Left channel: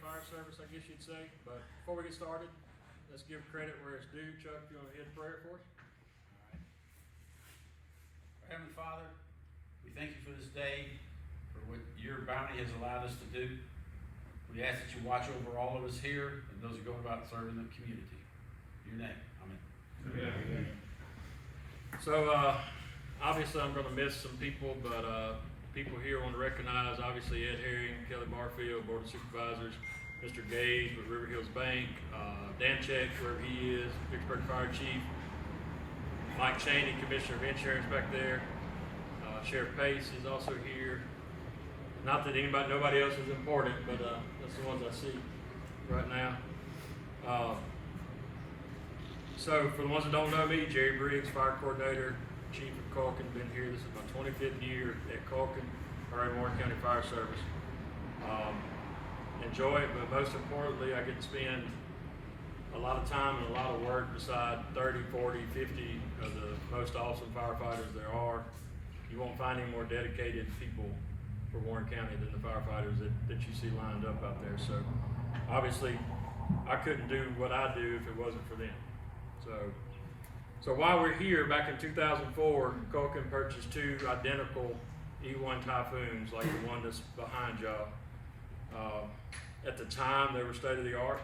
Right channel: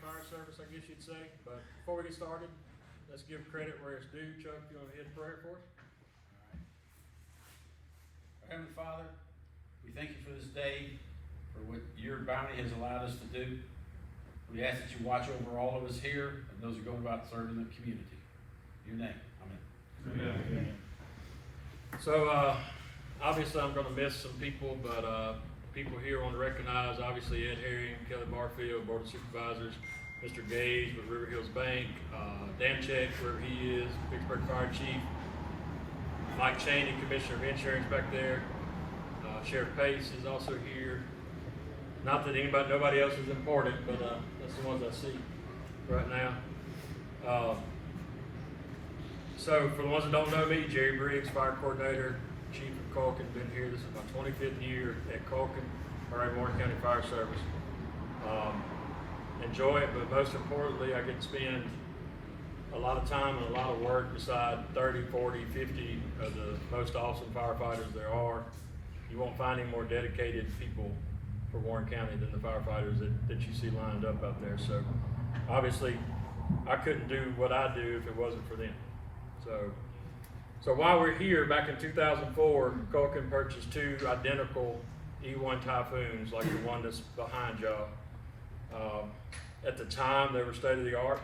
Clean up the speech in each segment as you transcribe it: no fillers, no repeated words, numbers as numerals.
Fire Service, I guess you'd say. But before we get started, let's give credit where it's due. Chuck, you want to hit a prayer for us? Our Heavenly Father, we thank you for this day, for what your bounty has allowed us to do. We ask that you watch over all of us here and those who are going about serving the community. In your name, amen. Amen. So, obviously I'm going to miss some people, but people here want to recognize, obviously, Ed Herring, Kelly Barfield, Board of Supervisors, Mr. Gage with River Hills Bank, Dan Check, wherever he is, Vicksburg Fire Chief, Mike Cheney, Commissioner of Insurance back there, Sheriff Pace is also here. Not that nobody else is important, but that's the ones I see right now. So for the ones that don't know me, Jerry Briggs, Fire Coordinator, Chief of Culkin, been here. This is my 25th year at Culkin, or at Warren County Fire Service. Enjoy it, but most importantly, I get to spend a lot of time and a lot of work beside 30, 40, 50 of the most awesome firefighters there are. You won't find any more dedicated people for Warren County than the firefighters that you see lined up out there. So obviously, I couldn't do what I do if it wasn't for them. So while we're here, back in 2004, Culkin purchased two identical E1 Typhoons like the one that's behind y'all. At the time, they were state of the art.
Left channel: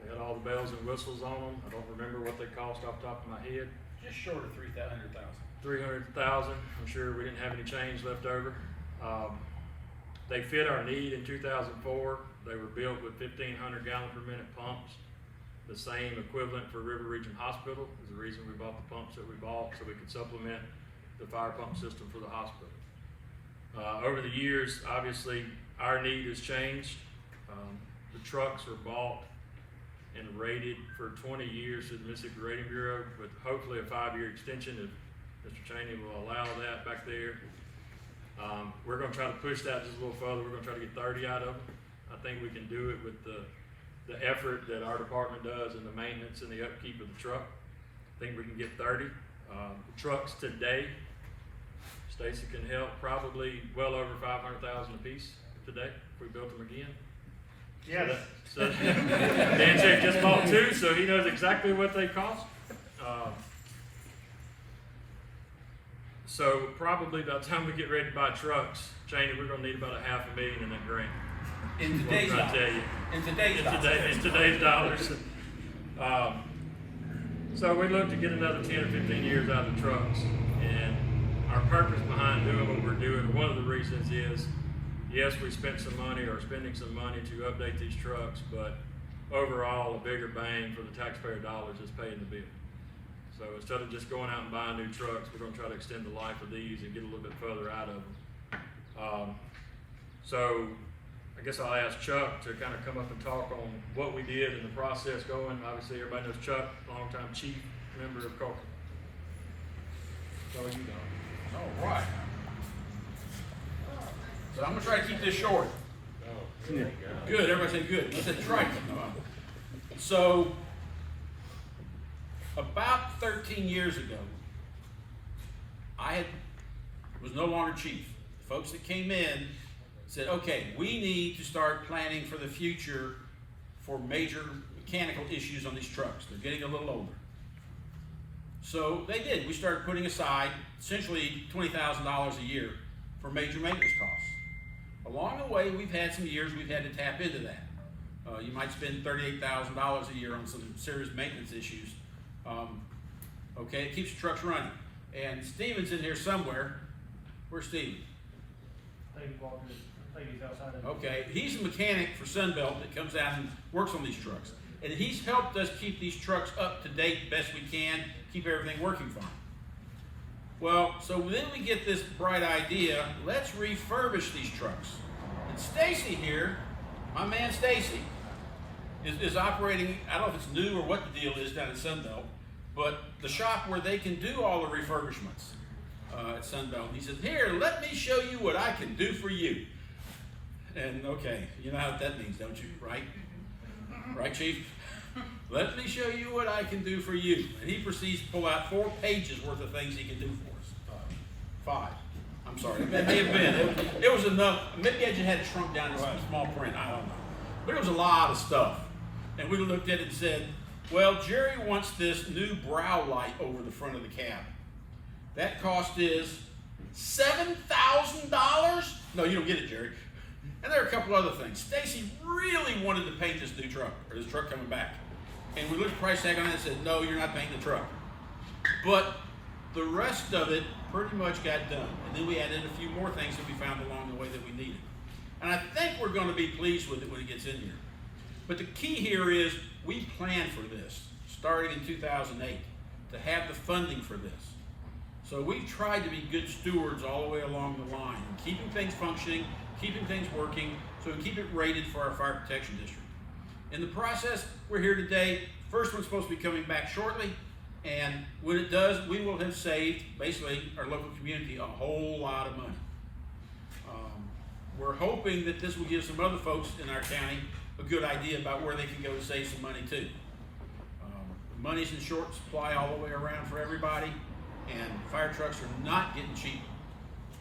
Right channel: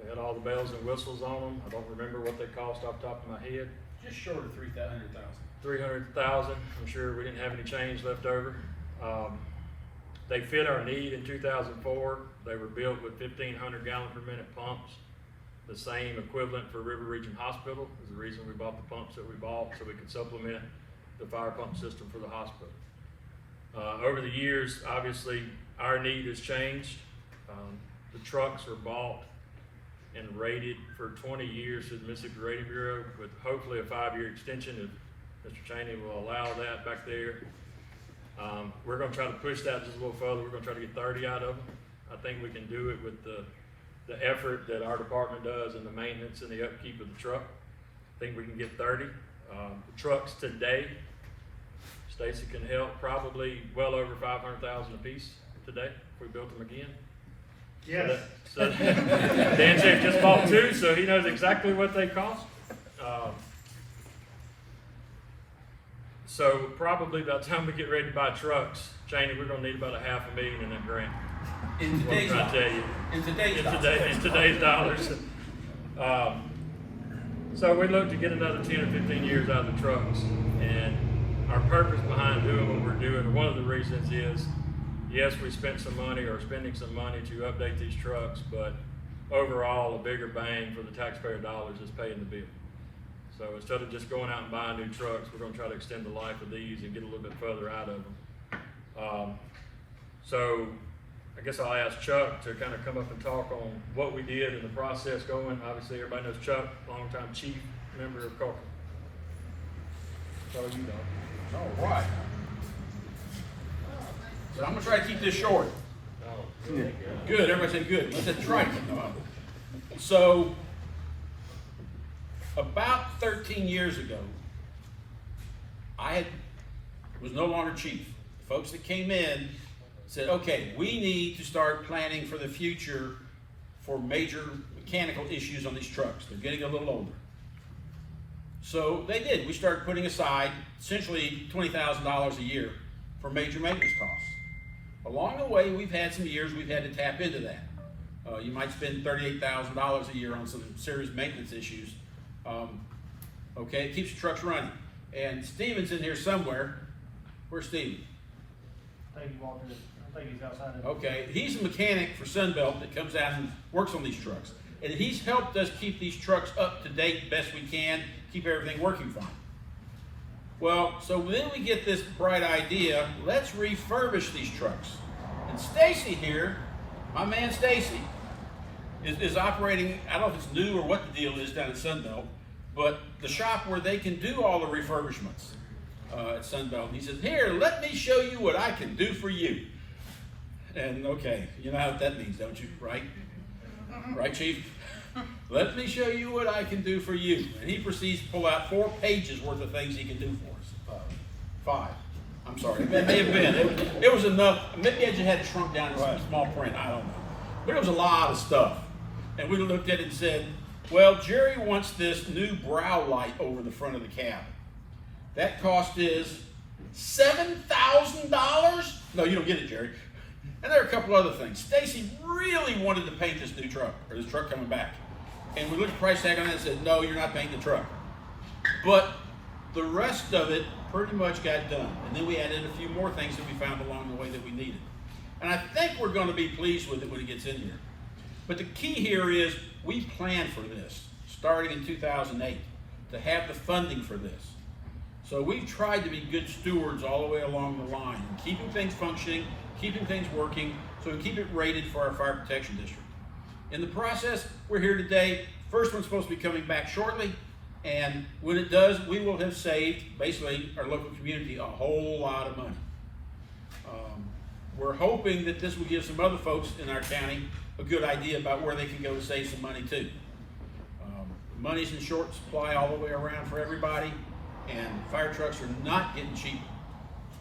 They had all the bells and whistles on them. I don't remember what they cost off the top of my head. Just short of 300,000. 300,000. I'm sure we didn't have any change left over. They fit our need in 2004. They were built with 1,500 gallon per minute pumps. The same equivalent for River Region Hospital is the reason we bought the pumps that we bought, so we could supplement the fire pump system for the hospital. Over the years, obviously, our need has changed. The trucks were bought and rated for 20 years through the Mississippi Rating Bureau, with hopefully a 5-year extension if Mr. Cheney will allow that back there. We're going to try to push that just a little further. We're going to try to get 30 out of them. I think we can do it with the effort that our department does and the maintenance and the upkeep of the truck. I think we can get 30. The trucks today, Stacy can help, probably well over 500,000 a piece today if we built them again. Yes. So Dan Check just bought two, so he knows exactly what they cost. So probably by the time we get ready to buy trucks, Cheney, we're going to need about $500,000 in that grant. In today's dollars. In today's dollars. So we look to get another 10 or 15 years out of the trucks. And our purpose behind doing what we're doing, one of the reasons is, yes, we spent some money or spending some money to update these trucks, but overall, a bigger bang for the taxpayer dollars is paying the bill. So instead of just going out and buying new trucks, we're going to try to extend the life of these and get a little bit further out of them. So I guess I'll ask Chuck to kind of come up and talk on what we did and the process going. Obviously, everybody knows Chuck, longtime chief member of Culkin. So you know. All right. So I'm going to try to keep this short. Good. Everybody say good. Let's say try. So about 13 years ago, I was no longer chief. The folks that came in said, okay, we need to start planning for the future for major mechanical issues on these trucks. They're getting a little older. So they did. We started putting aside essentially $20,000 a year for major maintenance costs. Along the way, we've had some years we've had to tap into that. You might spend $38,000 a year on some serious maintenance issues. Okay, it keeps the trucks running. And Steven's in here somewhere. Where's Steven? I think he's outside. Okay, he's a mechanic for Sunbelt that comes out and works on these trucks. And he's helped us keep these trucks up to date best we can, keep everything working fine. Well, so then we get this bright idea, let's refurbish these trucks. And Stacy here, my man Stacy, is operating, I don't know if it's new or what the deal is down at Sunbelt, but the shop where they can do all the refurbishments at Sunbelt. He says, here, let me show you what I can do for you. And okay, you know what that means, don't you, right? Right, Chief? Let me show you what I can do for you. And he proceeds to pull out 4 pages worth of things he can do for us. 5. I'm sorry, it may have been. It was enough. Maybe I just had it shrunk down to small print, I don't know. But it was a lot of stuff. And we looked at it and said, well, Jerry wants this new brow light over the front of the cab. That cost is $7,000? No, you don't get it, Jerry. And there are a couple other things. Stacy really wanted to paint this new truck, or this truck coming back. And we looked at the price tag on it and said, no, you're not painting the truck. But the rest of it pretty much got done. And then we added a few more things that we found along the way that we needed. And I think we're going to be pleased with it when it gets in here. But the key here is we planned for this, starting in 2008, to have the funding for this. So we've tried to be good stewards all the way along the line, and keeping things functioning, keeping things working, so we keep it rated for our fire protection district. In the process, we're here today. First one's supposed to be coming back shortly, and when it does, we will have saved, basically, our local community a whole lot of money. We're hoping that this will give some other folks in our county a good idea about where they can go to save some money too. Money's in short supply all the way around for everybody, and fire trucks are not getting cheaper.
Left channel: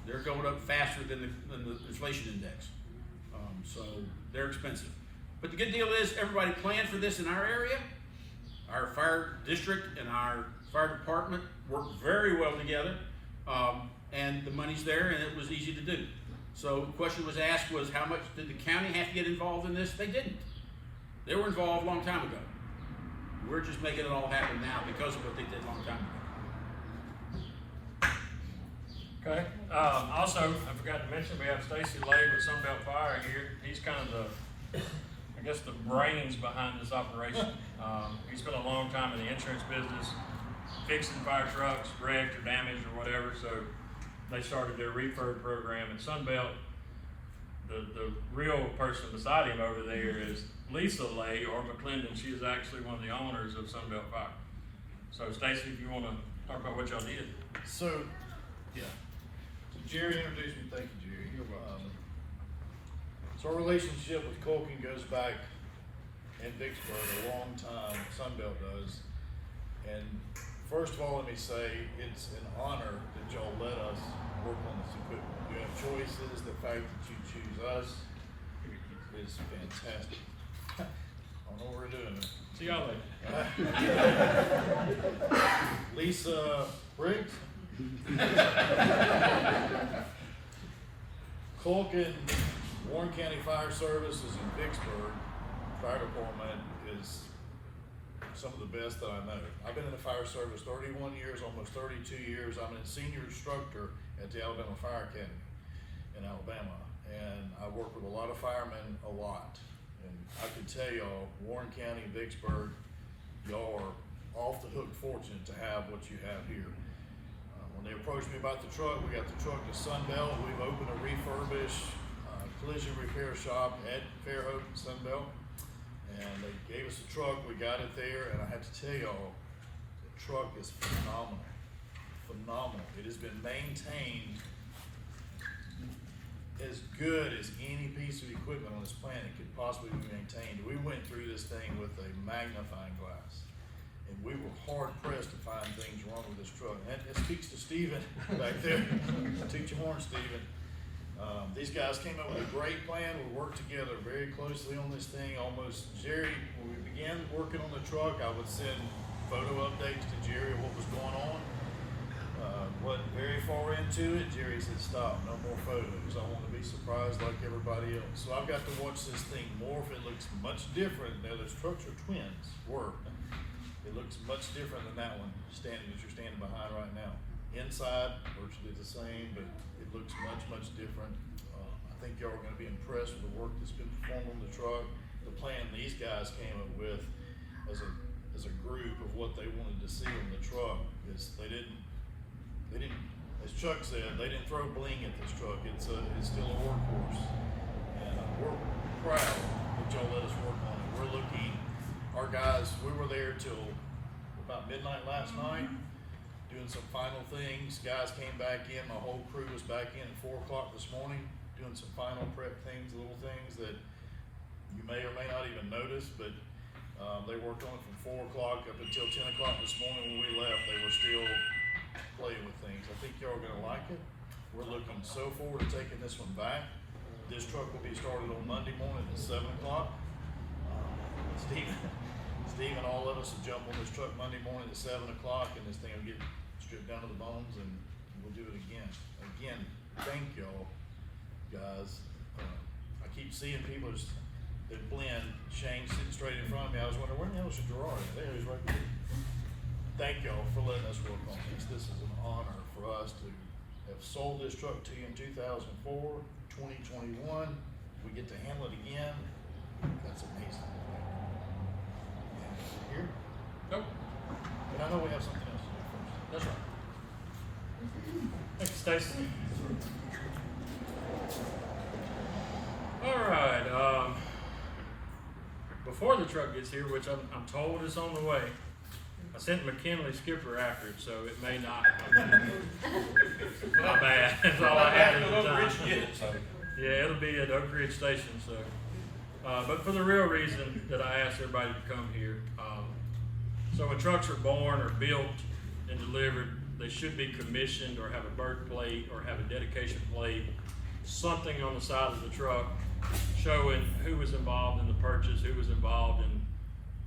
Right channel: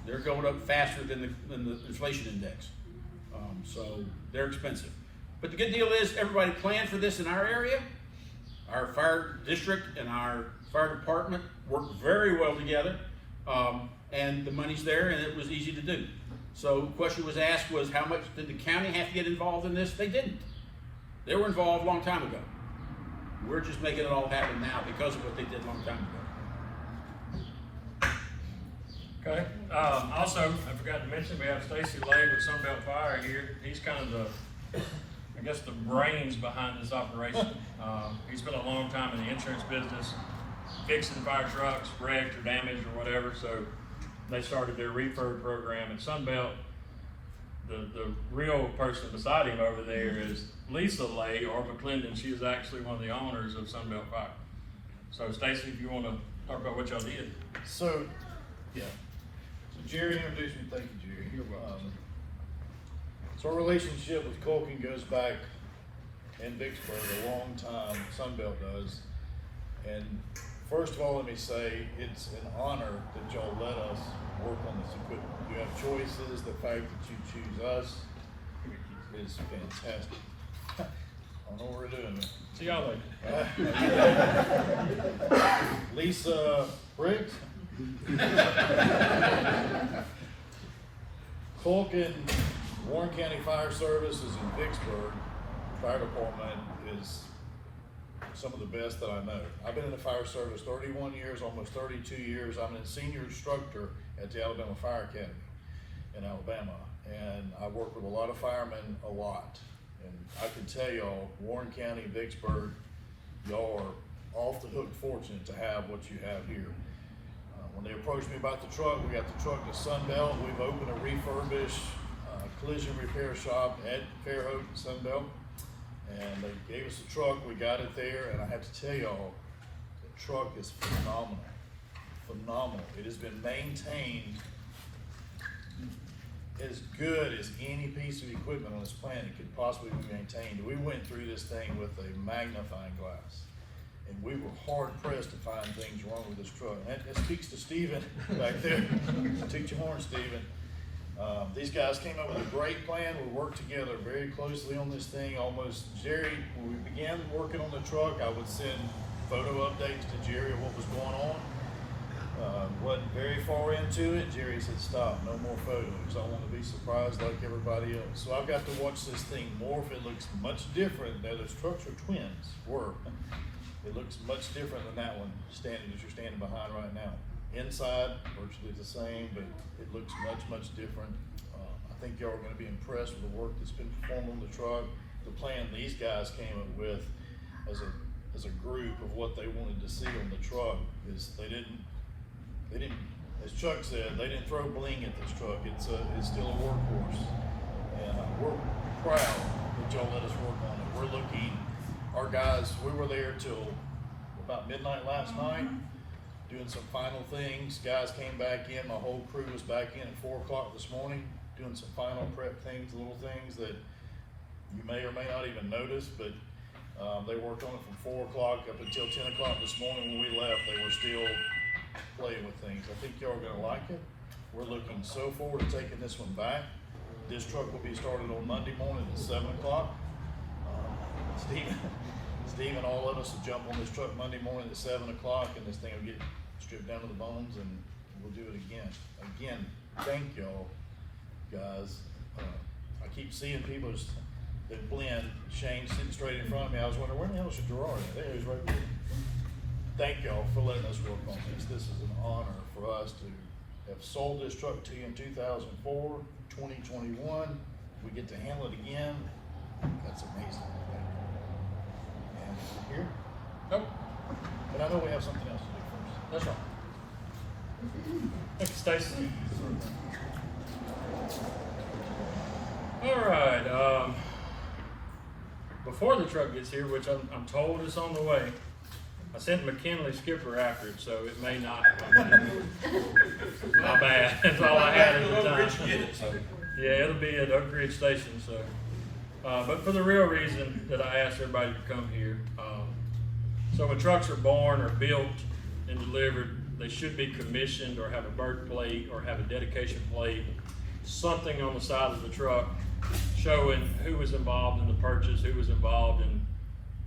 They're going up faster than the inflation index. So they're expensive. But the good deal is everybody planned for this in our area. Our fire district and our fire department work very well together, and the money's there and it was easy to do. So the question was asked was, how much did the county have to get involved in this? They didn't. They were involved a long time ago. We're just making it all happen now because of what they did a long time ago. Okay. Also, I forgot to mention, we have Stacy Lay with Sunbelt Fire here. He's kind of the, I guess, the brains behind this operation. He spent a long time in the insurance business, fixing fire trucks, wrecked or damaged or whatever. So they started their refurb program at Sunbelt. The real person beside him over there is Lisa Lay, or McClendon. She is actually one of the owners of Sunbelt Fire. So Stacy, if you want to talk about what y'all did. So, yeah. So Jerry introduced me. Thank you, Jerry. So our relationship with Culkin goes back in Vicksburg a long time. Sunbelt does. And first of all, let me say it's an honor that y'all let us work on this equipment. You have choices. The fact that you choose us is fantastic. I don't know what we're doing. See y'all later. Lisa Briggs. Culkin, Warren County Fire Services in Vicksburg Fire Department is some of the best that I know. I've been in the fire service 31 years, almost 32 years. I'm a senior instructor at the Alabama Fire Academy in Alabama, and I work with a lot of firemen a lot. And I can tell y'all, Warren County, Vicksburg, y'all are off the hook fortunate to have what you have here. When they approached me about the truck, we got the truck to Sunbelt. We've opened a refurbished collision repair shop at Fairhope and Sunbelt. And they gave us the truck, we got it there, and I have to tell y'all, the truck is phenomenal. Phenomenal. It has been maintained as good as any piece of equipment on this planet could possibly be maintained. We went through this thing with a magnifying glass, and we were hard pressed to find things wrong with this truck. And that speaks to Stephen back there. Toot your horn, Stephen. These guys came up with a great plan. We worked together very closely on this thing. Almost, Jerry, when we began working on the truck, I would send photo updates to Jerry of what was going on. Wasn't very far into it. Jerry said, stop, no more photos. I want to be surprised like everybody else. So I've got to watch this thing morph. It looks much different. Now, those trucks are twins, It looks much different than that one that you're standing behind right now. Inside, virtually the same, but it looks much, much different. I think y'all are going to be impressed with the work that's been performed on the truck. The plan these guys came up with as a group of what they wanted to see on the truck is they didn't, as Chuck said, they didn't throw bling at this truck. It's still a workhorse, and we're proud that y'all let us work on it. We're looking, our guys, we were there till about midnight last night, doing some final things. Guys came back in, my whole crew was back in at 4 o'clock this morning, doing some final prep things, little things that you may or may not even notice, but they worked on it from 4 o'clock up until 10 o'clock this morning. When we left, they were still playing with things. I think y'all are gonna like it. We're looking so forward to taking this one back. This truck will be started on Monday morning at 7 o'clock. Steve and all of us will jump on this truck Monday morning at 7 o'clock, and this thing will get stripped down to the bones, and we'll do it again. Again, thank y'all, guys. I keep seeing people that blend. Shane sitting straight in front of me. I was wondering, where the hell is Gerard at? There he is, right there. Thank y'all for letting us work on this. This is an honor for us to have sold this truck to you in 2004, 2021. We get to handle it again. That's amazing. And you're here, Nope, but I know we have something else to do first. that's right. Thank you, Stacy. All right, before the truck gets here, which I'm told is on the way, I sent McKinley Skipper after it, so it may not come in. My bad, that's all I had at the time. Yeah, it'll be at Oak Ridge Station, so. But for the real reason that I asked everybody to come here, so when trucks are born or built and delivered, they should be commissioned or have a birth plate or have a dedication plate, something on the side of the truck showing who was involved in the purchase, who was involved in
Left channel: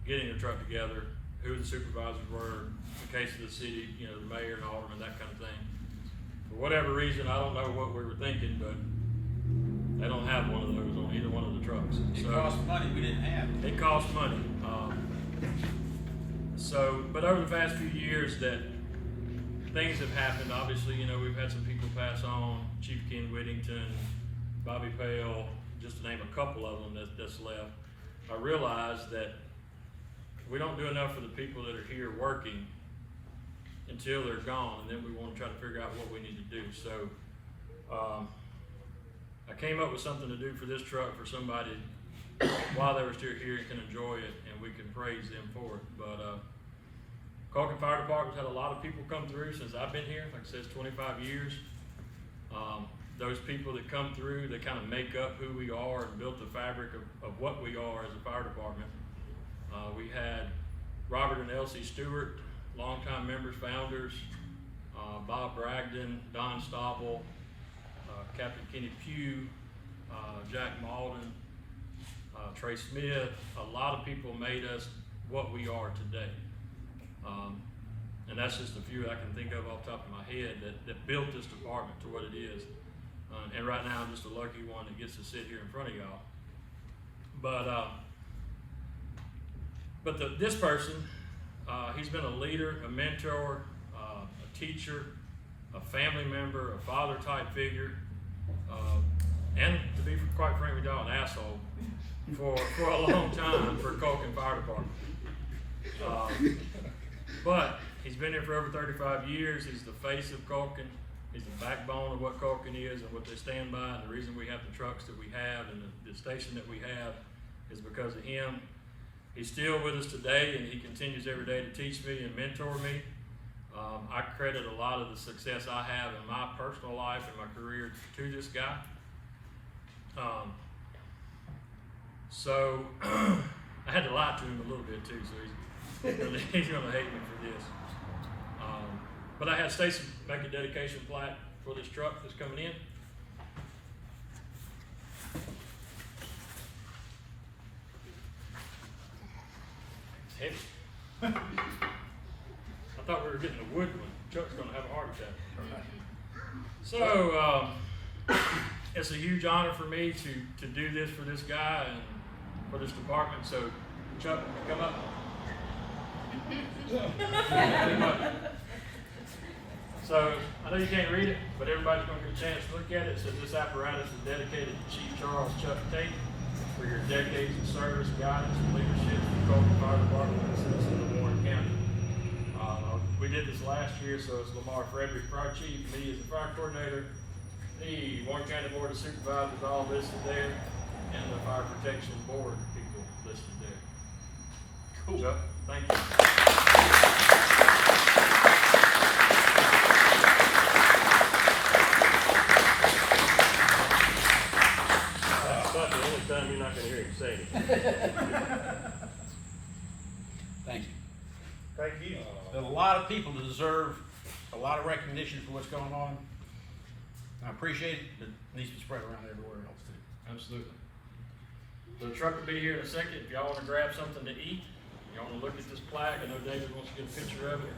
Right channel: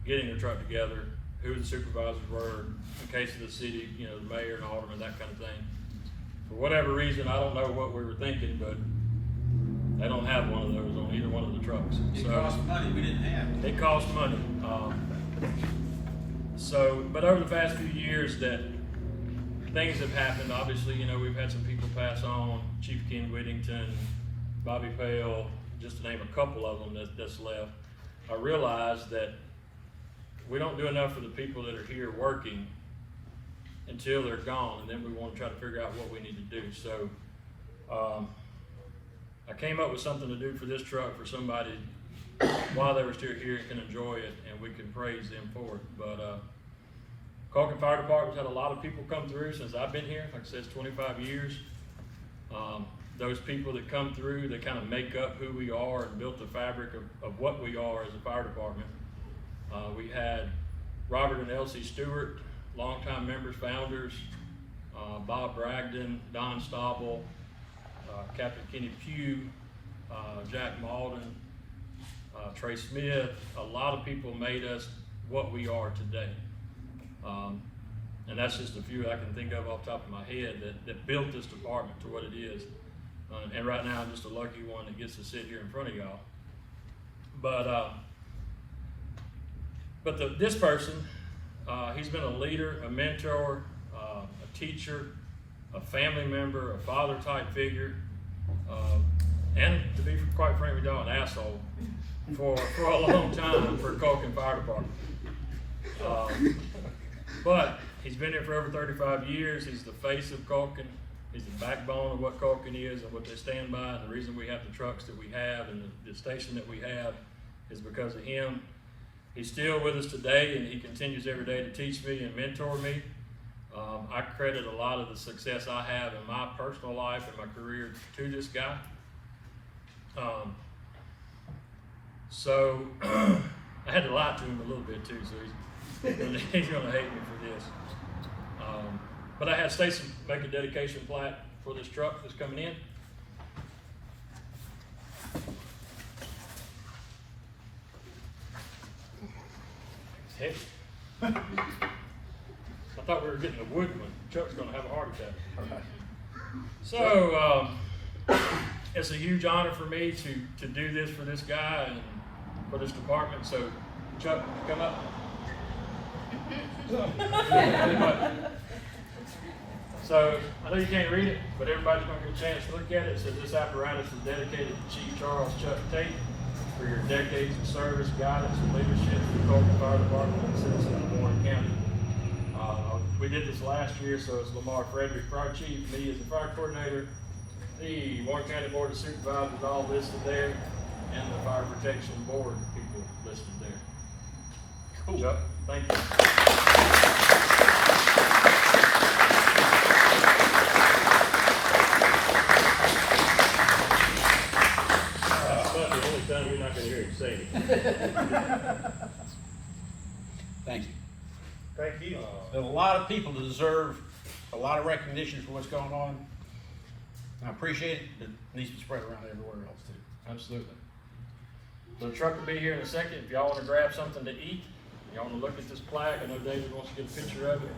getting the truck together, who the supervisors were, in case of the city, you know, the mayor and alderman, that kind of thing. For whatever reason, I don't know what we were thinking, but they don't have one of those on either one of the trucks. It So cost money we didn't have. it costs money. But over the past few years that things have happened, obviously, you know, we've had some people pass on, Chief Ken Whittington, Bobby Pale, just to name a couple of them that's left. I realized that we don't do enough for the people that are here working until they're gone, and then we want to try to figure out what we need to do. So I came up with something to do for this truck for somebody while they were still here and can enjoy it, and we can praise them for it. But Culkin Fire Department's had a lot of people come through since I've been here. Like I said, it's 25 years. Those people that come through, they kind of make up who we are and built the fabric of what we are as a fire department. We had Robert and Elsie Stewart, longtime members, founders, Bob Bragdon, Don Stauble, Captain Kenny Pugh, Jack Malden, Trey Smith. A lot of people made us what we are today. And that's just a few I can think of off the top of my head that built this department to what it is. And right now I'm just a lucky one that gets to sit here in front of y'all. But this person, he's been a leader, a mentor, a teacher, a family member, a father type figure, and to be quite frank with y'all, an asshole for a long time for Culkin Fire Department. But he's been here for over 35 years. He's the face of Culkin. He's the backbone of what Culkin is and what they stand by. And the reason we have the trucks that we have and the station that we have is because of him. He's still with us today, and he continues every day to teach me and mentor me. I credit a lot of the success I have in my personal life and my career to this guy. So I had to lie to him a little bit too, so he's gonna hate me for this. But I had Stacy make a dedication plaque for this truck that's coming in. It's heavy. I thought we were getting a wood one. Chuck's gonna have a heart attack. So it's a huge honor for me to do this for this guy and for this department. So Chuck, come up. Come up. So I know you can't read it, but everybody's going to get a chance to look at it. It says this apparatus is dedicated to Chief Charles Chuck Tate for your decades of service, guidance, and leadership to the Culkin Fire Department and the citizens of Warren County. We did this last year, so it's Lamar Frederick, Fire Chief, me as the Fire Coordinator, the Warren County Board of Supervisors, all listed there, and the Fire Protection Board people listed there. Cool. Chuck, thank you. You're not going to hear him say it. Thank you. Thank you. There's a lot of people that deserve a lot of recognition for what's going on. I appreciate it, but it needs to spread around everywhere else too. Absolutely. So the truck will be here in a second. If y'all wanna grab something to eat, y'all wanna look at this plaque, I know David wants to get a picture of it.